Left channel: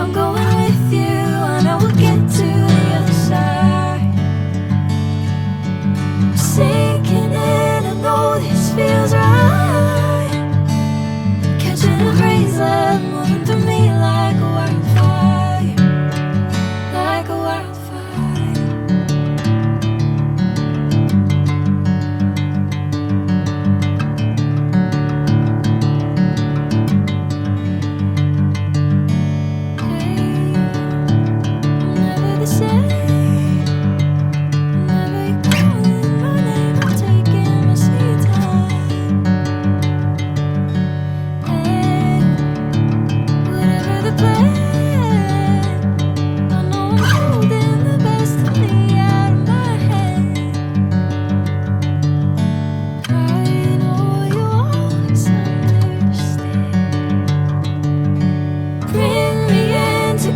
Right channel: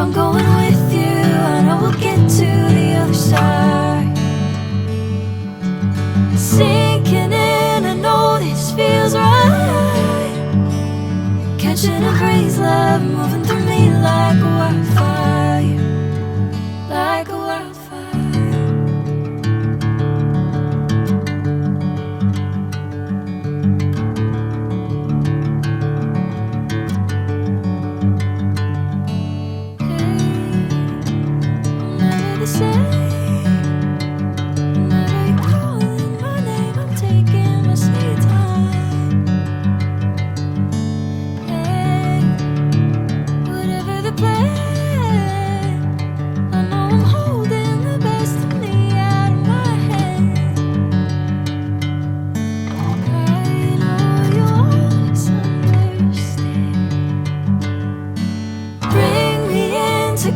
I'm going with you, I know we'll get to the other side. Sinking in, I know this feels right. Catching a crazy love, moving through me like a wildfire, like a wildfire.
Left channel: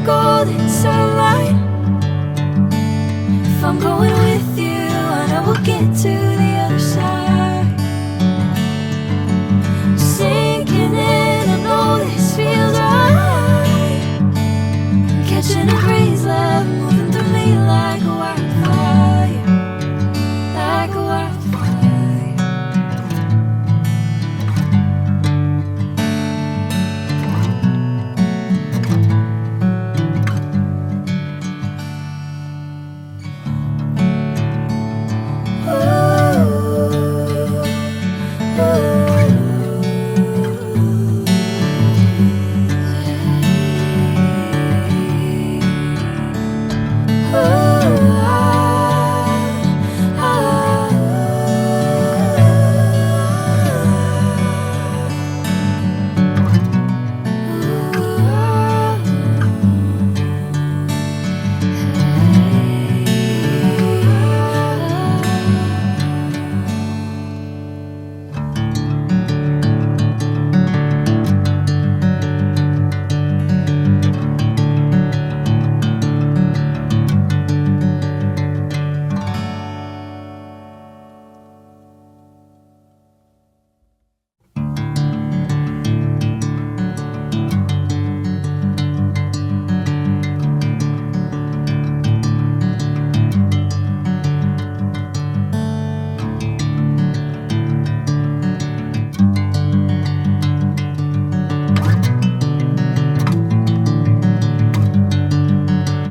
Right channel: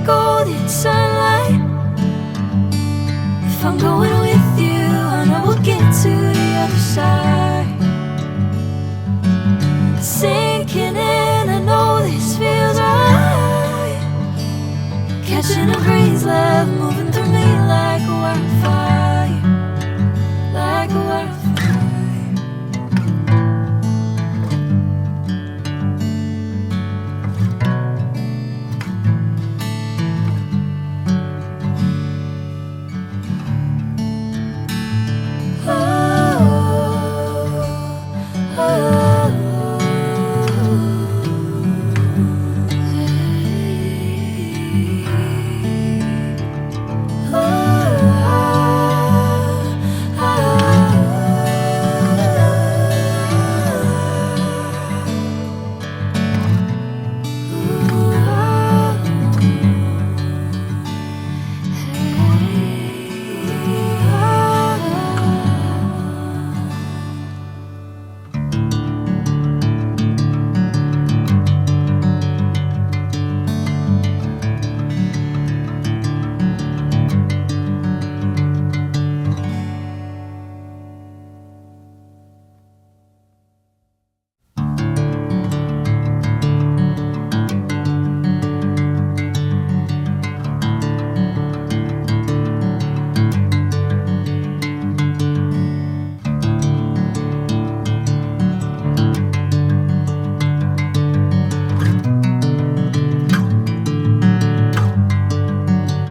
Golden sunlight. If I'm going with you, I know we'll get to the other side. Sinking in, I know this feels right.